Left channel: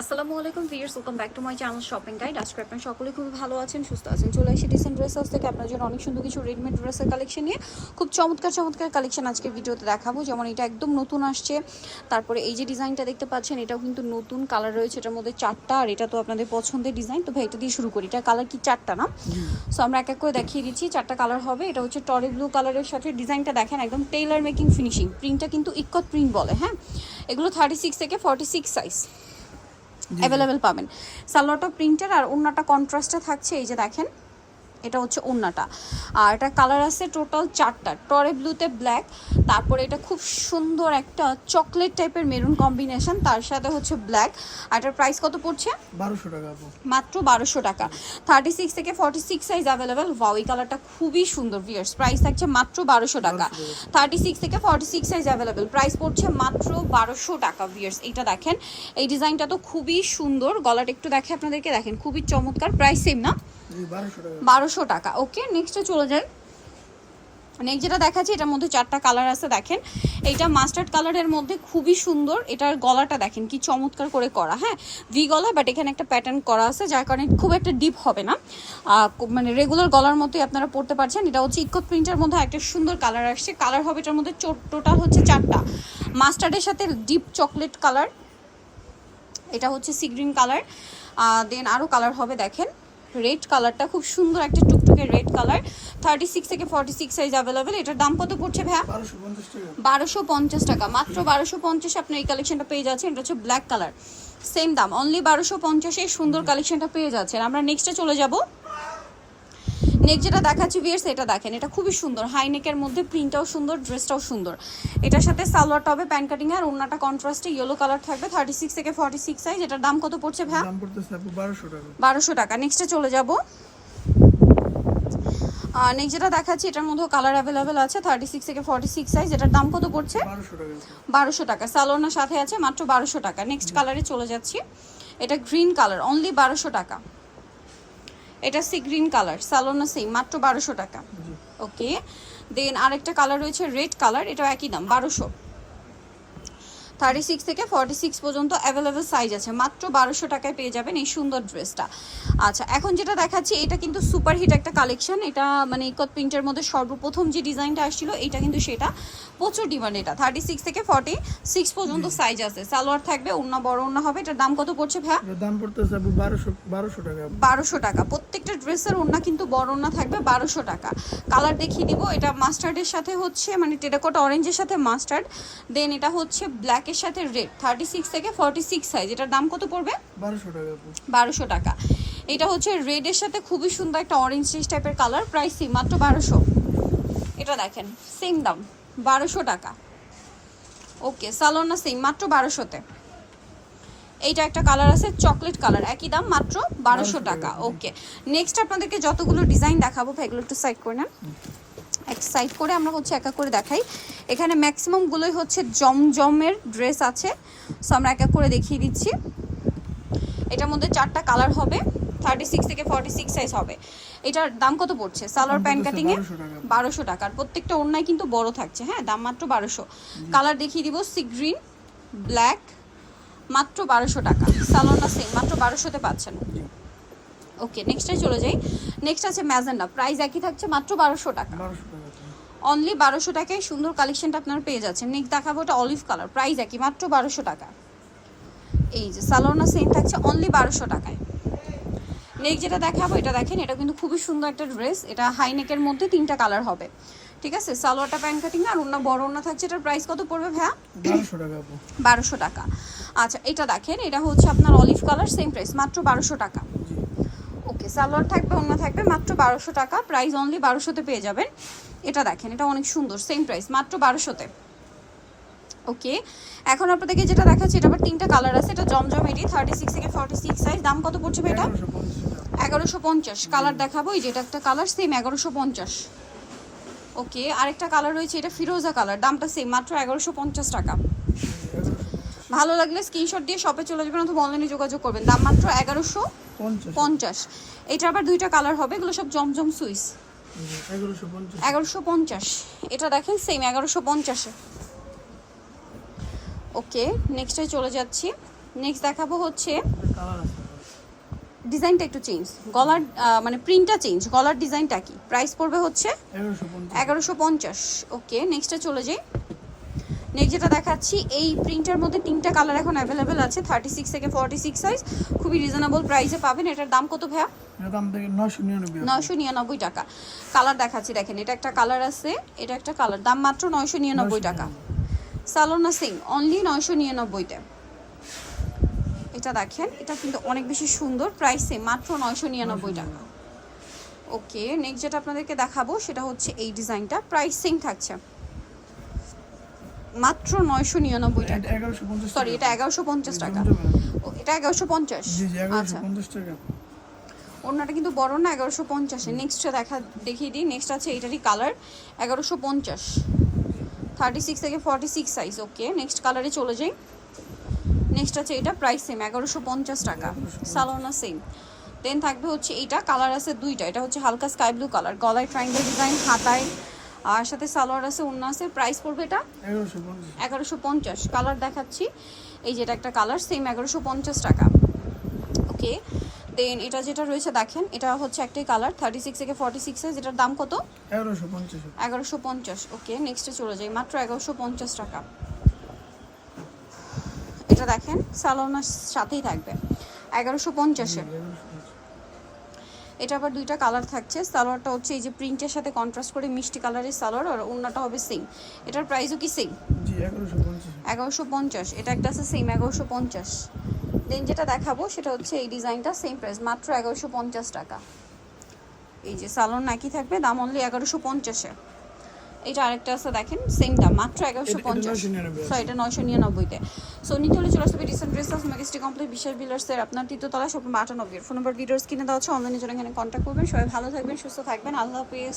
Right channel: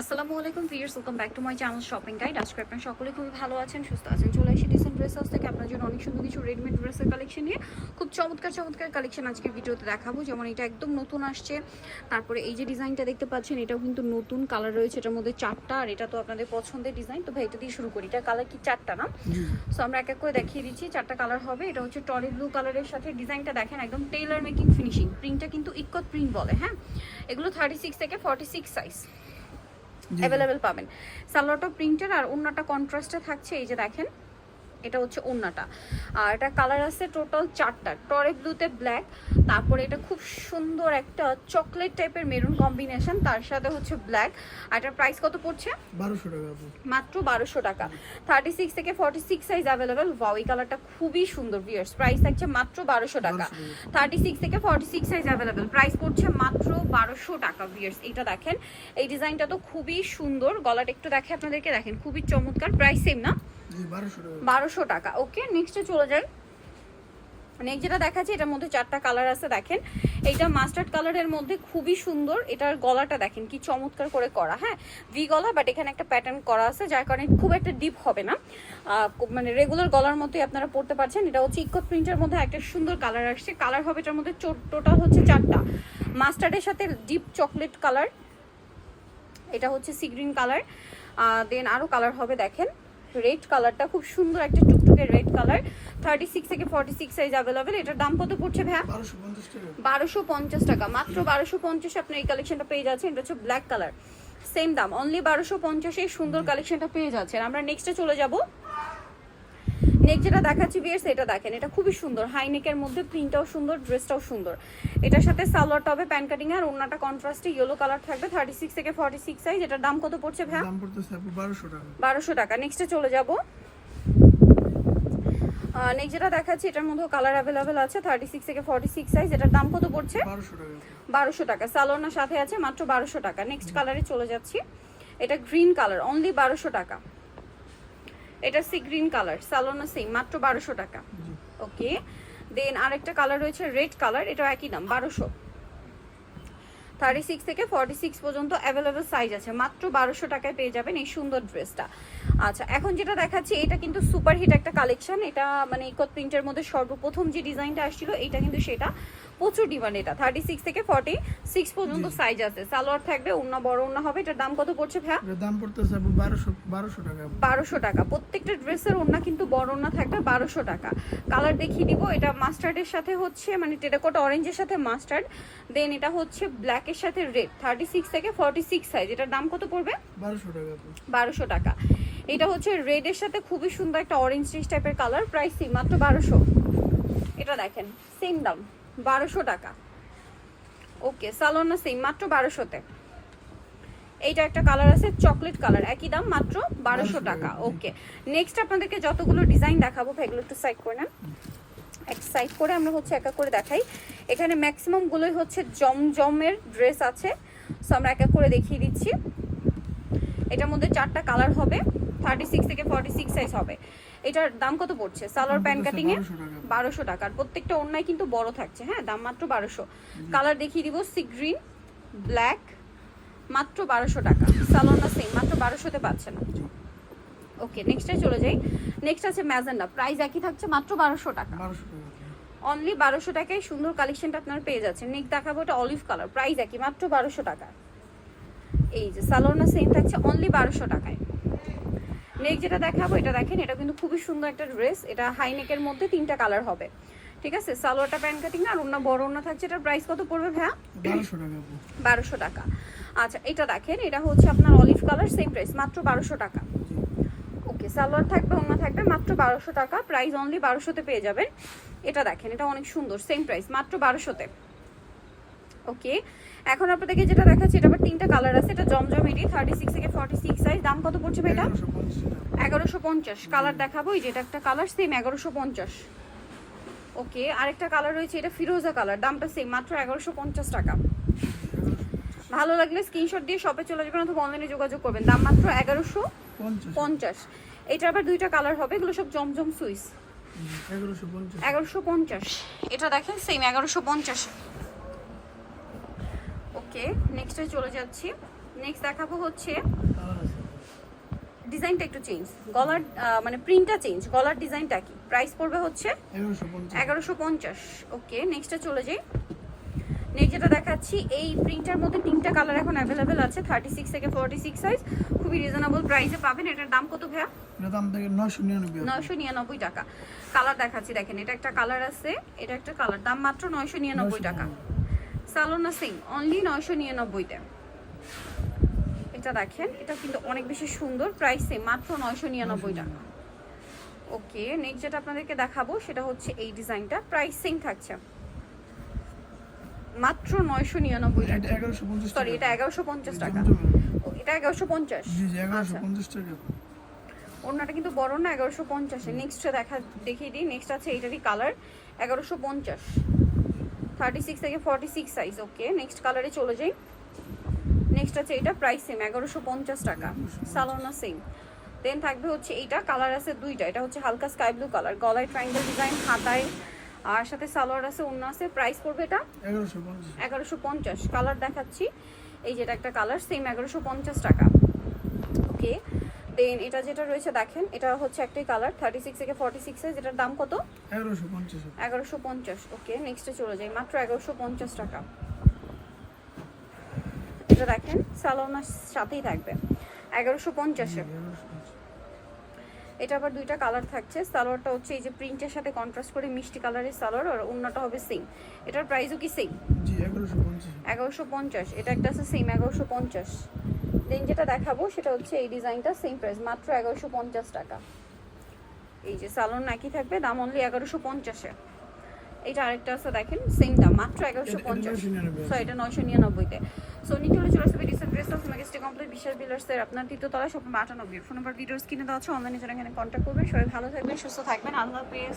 আসসালামু আলাইকুম viewers welcome back to my channel shopping guide আজকে আপনারা সকলে খুবই ভালো আছেন সুস্থ আছেন। চলে আসি ডিসেন্ট ড্রেস হাউস থেকে আপনার জন্য অনেক সুন্দর কিছু রেডিমেড ড্রেসের কালেকশন নিয়ে। খুব চমৎকার চমৎকার কালেকশন আজকে ভিডিওতে দেখাবো। যেমন এটা একদম নতুন আসছে। তারপরে এই যে ডিজাইনটা দেখতে পাচ্ছেন এটাও কিন্তু নতুন কালার রয়েছে। এটার মধ্যে চারটা আর এটা তো আপনাদের পছন্দের ডিজাইন তো ভাই এটা দিয়ে শুরু করি। এটা কালার কি চারটা না? সো আমরা এক এক করে দেখিয়ে দিচ্ছি চারটা কালার হবে। এটা হচ্ছে টরে ব্লু কালারের সাথে ডিজাইনটা দেখেন একদম টেইলার মেকিং ফিনিশিং প্রিন্টটা কিন্তু ইকত প্রিন্ট বলে হ্যাঁ? এগুলো থার্টি সিক্স থেকে ফর্টি সিক্স সাইজ অ্যাভেলেবেল পাবেন। সালোয়ারটা প্রিন্টের আর ওন্নাটা কন্ট্রাস্টে থাকছে এই যে দেখেন। এটা হচ্ছে ওন্নাটা আর এটা কালার আছে টোটাল চারটা। টরে ব্লুতে ব্ল্যাক তারপরে এটা খুব সুন্দর একটা চকলেট টাইপের মেরুন কম্বিনেশন তার সাথে হচ্ছে ব্ল্যাক আর এটার প্রাইস কত পড়ছে? বারোশো টাকা মাত্র বারোশো টাকা। থার্টি সিক্স থেকে ফর্টি সিক্স সাইজ অ্যাভেলেবেল এই কালারটা খুবই সুন্দর ভিয়ার্স প্রাইস থাকছে মাত্র বারোশো টাকা। থার্টি সিক্স থেকে forty six size available price পড়ছে মাত্র বারোশো টাকা ভিয়ার্স এটা দেখেন। এই ডিজাইনটা তো খুবই সুন্দর। গলাটা একটু দেখে আপনাদেরকে দেখেন। খুবই চমৎকার। প্রাইস সেম না? বারোশো টাকা। ওকে নেক্সটে চলে যাই। নেক্সট যেটা দেখাচ্ছি, এটার মধ্যে চারটা কালার আছে, দেখেন। এইটা মাস্টার্ড কালারের মধ্যে খুবই সুন্দর। এটার গলাটা দেখেন, কি চমৎকার করে করা হ্যাঁ? ভি গলা বাট এখানে একটা প্যাটার্ন করা আছে, যার কারণে খুব একটা ডিপ হবে না। মানে রেগুলার গলার মতোই আপনারা পড়তে পারছেন। এটা হচ্ছে ইকত প্রিন্টের মধ্যে একটা সুন্দর কালার আসছে। কালার হবে এটার মধ্যে টোটাল হচ্ছে চারটা। মাস্টার্ডের সাথে ডিপ চকলেট কালার এটা হচ্ছে সি গ্রিন কালার দেন আরও কালার হবে, দেখেন। রেড কালারটা খুব সুন্দর একটা টুকটুকে রেড কালার থার্টি সিক্স থেকে ফর্টি সিক্স সাইজ অ্যাভেলেবেল এটার দাম কত পড়ছে ভ্যা বারোশো পঞ্চাশ টাকা। মাত্র বারোশো পঞ্চাশ আপনার এই কালেকশনটা পেয়ে যাচ্ছেন। এটা হচ্ছে ব্ল্যাক কালার সেম দাম অনলি বারোশো পঞ্চাশে এই সুন্দর কালেকশনটা পেয়ে যাচ্ছেন। আমরা নেক্সটে চলে যাব। নেক্সট যেটা দেখাচ্ছি ভিয়ার্স এটা দেখেন। এটা খুবই সুন্দর। হাই নেকের মধ্যে প্রিন্টটাও সুন্দর ড্রেসটাও সুন্দর। এটার সাথে সালোয়ারটা হবে প্যান্ট কাটিং আর ওনাটা কন্ট্রাস্টে ইয়েলো কালার থাকবে থার্টি সিক্স থেকে ফর্টি সিক্স সাইজ এটার দাম কত পড়ছে ভাই? দাম পড়তেছে বারোশো টাকা। বারোশো টাকা। নেক্সটে চলে যাব। নেক্সট যেটা দেখাচ্ছি এটার মধ্যে কালার অ্যাভেলেবেল আছে থার্টি সিক্স থেকে ফর্টি সিক্স সাইজ এটার দাম কত পড়ছে? বারোশো টাকা আপু বারোশো টাকা। সালোনার সাথে আছে মাত্র বারোশো টাকা। নেক্সট কালারে চলে যাচ্ছি। এটা গ্রিন কালার অনলি বারোশো টাকা। এটা সি গ্রিন কালার সালোনা সেম মাত্র বারোশো টাকা। ওকে দেন আরেকটা কালার রয়েছে রেড কালার এটা একই দাম বারোশো। থার্টি সিক্স থেকে ফর্টি সিক্স পর্যন্ত অ্যাভেলেবেল সাইজ আছে মাত্র বারোশো টাকায় পেয়ে যাবেন এই সুন্দর ড্রেসটা আচ্ছা এখন যেটা দেখাচ্ছি এটা কিন্তু সুপার হিট একটা কালেকশন এটা মানে ইকত প্রিন্টের মধ্যে সর্বপ্রথম যে ডিজাইনটা আসছিল এটা কিন্তু সেটা প্রচুর ডিমান্ড এটা। থার্টি সিক্স থেকে ফর্টি সিক্স পর্যন্ত সাইজ আছে। সালোয়ার থাকবে অন্য বড় অন্য হবে। এটার দাম কত পড়ছে এটার দাম পড়তেছে আপু বারোশো বারোশো টাকা। বারোশো টাকা। প্রত্যেকটা ড্রেসের ওড়না কিন্তু বড় ওড়না থাকবে বারোশো টাকা। কালার দেখিয়ে দিব। এটা মাস্টার্ডের সাথে হচ্ছে মানে টেরাকোটা অরেঞ্জের সাথে মাস্টার্ড দেন এটা হচ্ছে ব্ল্যাকের সাথে রেড থার্টি সিক্স থেকে ফর্টি সিক্স সাইজ এটার দাম কত পড়বে? বারোশো টাকা বারোশো টাকা। এটা হচ্ছে রেডের সাথে খুবই সুন্দর একটা অরেঞ্জ টাইপের কালার প্রাইস মাত্র বারোশো। এটা দেখেন সেম দাম। বারোশো টাকা। ওকে সালোনা সেম মাত্র বারোশোতে। এইটা একটা কালার আছে চকলেট কালার একই দাম মাত্র বারোশো টাকা। ওকে নেক্সট আপনাদেরকে যতগুলো ডিজাইন দেখাবো এগুলো একটু সাইড করে নেন। এক সাইড করে আমরা হচ্ছে এক এক করে দেখাই। এখানে ম্যাক্সিমাম গুলোই হচ্ছে জমজমের ড্রেস আছে। সো আমরা এক এক করে দেখিয়ে দিচ্ছি। এটার মধ্যে চারটা কালার হবে। থার্টি সিক্স থেকে ফর্টি সিক্স সাইজ হবে। এটার দাম কত পড়ছে? সালোয়ার প্যান্ট কাটিং এ 1200 টাকা। বারোশো টাকার প্রত্যেকটা অন্যায় কিন্তু বড় থাকছে হ্যাঁ? দাম মাত্র বারোশো। কালার দেখিয়ে দিব সি গ্রিন ব্ল্যাক মাত্র বারোশো টাকা। সালোয়ারটা সেম মাত্র বারোশোতে পাচ্ছেন। ওকে নেক্সটে চলে যাই। নেক্সট আছে ম্যাজেন্ডা প্রাইস একই থাকছে মাত্র বারোশো টাকা। অনলি বারোশো টাকায় সুন্দর কালেকশনটা আপনারা পেয়ে যাচ্ছেন। নেক্সট দেখাবো এটা অলিভ কালার প্রাইস একই মাত্র বারোশো টাকা। এই যে সালোনা সেম থাকছে অনলি বারোশো টাকায়। নেক্সট যেটা দেখাবো এটা দেখেন এটা কিন্তু খুবই সুন্দর একটা ড্রেস। এটা হাই নেকের মধ্যে তিনটা কালার হবে। ঠিক আছে? সালোয়ারটা প্যান্ট কাটিং না আর অন্য বড় অন্য থাকছে। এটার প্রাইস কত পড়বে ভাইয়া? বারোশো টাকা বারোশো টাকা। আচ্ছা এটা দেখেন এটা হচ্ছে আপনার অলিভ কালার সেম প্রাইস মাত্র বারোশো টাকা। ওকে সালোয়ার থাকবে অন্য থাকবে মাত্র বারোশো টাকা। প্রাইস অনলি বারোশোতে পেয়ে যাবেন। এটা দেখেন এটা অনেক সুন্দর সেম প্রাইস মাত্র বারোশোতে। ওকে এখন আপনাদেরকে যেটা দেখাচ্ছি এটা আবার তিনটা কালার আছে। এটা জমজম এটি থার্টি সিক্স থেকে ফর্টি সিক্স সাইজ দাম কত পড়ছে এটা? এগারোশো পঞ্চাশ। কালার দেখাবো এই যে এটা একটা কালার সেম এগারোশো পঞ্চাশ। ওকে আরেকটা কালার রয়েছে এটা ফিরোজা কালার দামটা সেম মাত্র এগারোশো পঞ্চাশ টাকা। ভালো লাগলে স্ক্রিনশট দিয়ে শপে চলে যাবেন অথবা অনলাইনে যোগাযোগ করবেন। দাম মাত্র এগারোশো পঞ্চাশ। এটা আবার দুইটা কালার হবে এগুলো সব জমজম সুইস এগারোশো পঞ্চাশ। এটা দেখেন সেম এগারোশো পঞ্চাশে। ওকে নেক্সটে চলে যাচ্ছি। নেক্সট দেখাবো হচ্ছে ডিজাইনটা একটু চেঞ্জ গলার মানে প্রিন্টটা চেঞ্জ গলার ডিজাইনটা কি? প্রাইস পড়বে হচ্ছে এগারোশো পঞ্চাশ। ওকে নেক্সটে চলে যাই। নেক্সট যেটা দেখাচ্ছি এই প্রিন্টের মধ্যে তিনটা কালার এখন অ্যাভেলেবেল আছে থার্টি সিক্স থেকে ফর্টি সিক্স সাইজ খুবই রিজনেবল প্রাইসে পাবেন। এটার দাম কত ভাইয়া। নয়শো নিরানব্বই টাকা। কালার দেখাচ্ছি দেখেন এটা একটা কালার আছে এটা একটা কালার দাম মাত্র নয়শো নিরানব্বই টাকা। সালোনা সিং অনলি নয়শো নিরানব্বইতে এটা দেখেন এটা কিন্তু অনেক বেশি সুন্দর প্রাইসে মাত্র নয়শো নিরানব্বই টাকা ওকে নেক্সট যেটা আপনাদেরকে দেখাবো সেটা হচ্ছে এই ডিজাইনটা। প্রাইস থাকছে মাত্র নয়শো নিরানব্বই টাকা। সরি এটা এগারোশো পঞ্চাশ টাকা। এটা এগারোশো পঞ্চাশ। জি এগারোশো আচ্ছা টাকা। ওনাটা কিন্তু বড় না এগারোশো পঞ্চাশে। নেক্সটটা দেখা দেখিয়ে দিই। নেক্সট আছে এটারই কালার এগারোশো পঞ্চাশ। থার্টি সিক্স থেকে forty six size okay next কালারে চলে যাই। নেক্সট আছে এটা প্রাইস সেম এগারোশো পঞ্চাশ টাকা। সালোনা সেম দেন থাকবে হচ্ছে এইটা কালার আছে দুইটা। এটা হচ্ছে হালকা স্কাই ব্লু কালার গলায় ট্রাইঙ্গেল ডিজাইন হাতায়। আর সাথে সালোয়ার আছে অন্য আছে প্রাইস পড়বে এটা? এগারোশো পঞ্চাশ। কালার দেখাচ্ছি। এই যেটা একটা কালার সেম এগারোশো পঞ্চাশ টাকা। ওকে দেন এটা যেটা রয়েছে দেখেন এটা হচ্ছে একটাই কালার থার্টি সিক্স থেকে ফর্টি সিক্স সাইজ এটার দাম কত? এগারোশো পঞ্চাশ। এগারোশো পঞ্চাশ ওকে নেক্সটে চলে যাই মাত্র এগারোশো পঞ্চাশ টাকা। এটা দেখেন সালোনার সাথেই থাকবে এগারোশো পঞ্চাশ এটা আবার দুইটা কালার থাকছে সালোয়ারটা হচ্ছে এই যে প্রিন্টের সাথে কন্ট্রাস্ট করে মিষ্টি কালারের সালোয়ার আর অন্যটা হবে সেম এটার প্রাইসও কি সেম জি এগারোশো পঞ্চাশ। এগারোশো পঞ্চাশ এটা একটা আছে সেম এগারোশো পঞ্চাশ। দেন যেটা দেখাবো সেটা হচ্ছে এই ডিজাইনটা সেম প্রাইস মাত্র এগারোশো পঞ্চাশ টাকা। এই যে সালোন নাকি থাকবে দাম অনলি এগারোশো পঞ্চাশে। এটা আরেকটা আছে দেখেন সেম দাম মাত্র এগারোশো পঞ্চাশ। 999 সো এটা নয়শো নিরানব্বইতে। সো নিতে হলে চলে আসবে রিসেন্ট ড্রেস ম্যাগিস্ট্রি কমপ্লিট বিশাল বিলার্সের আপনার তৃতীয়তলা শপ আটানব্বই। ফোন নাম্বার ভিডিওস কিনে দেওয়া হচ্ছে অনলাইনে জন্য এখানে কন্ট্যাক্ট করবেন। সবাই ভালো থাকবেন সুস্থ থাকবেন। আল্লাহ হাফেজ।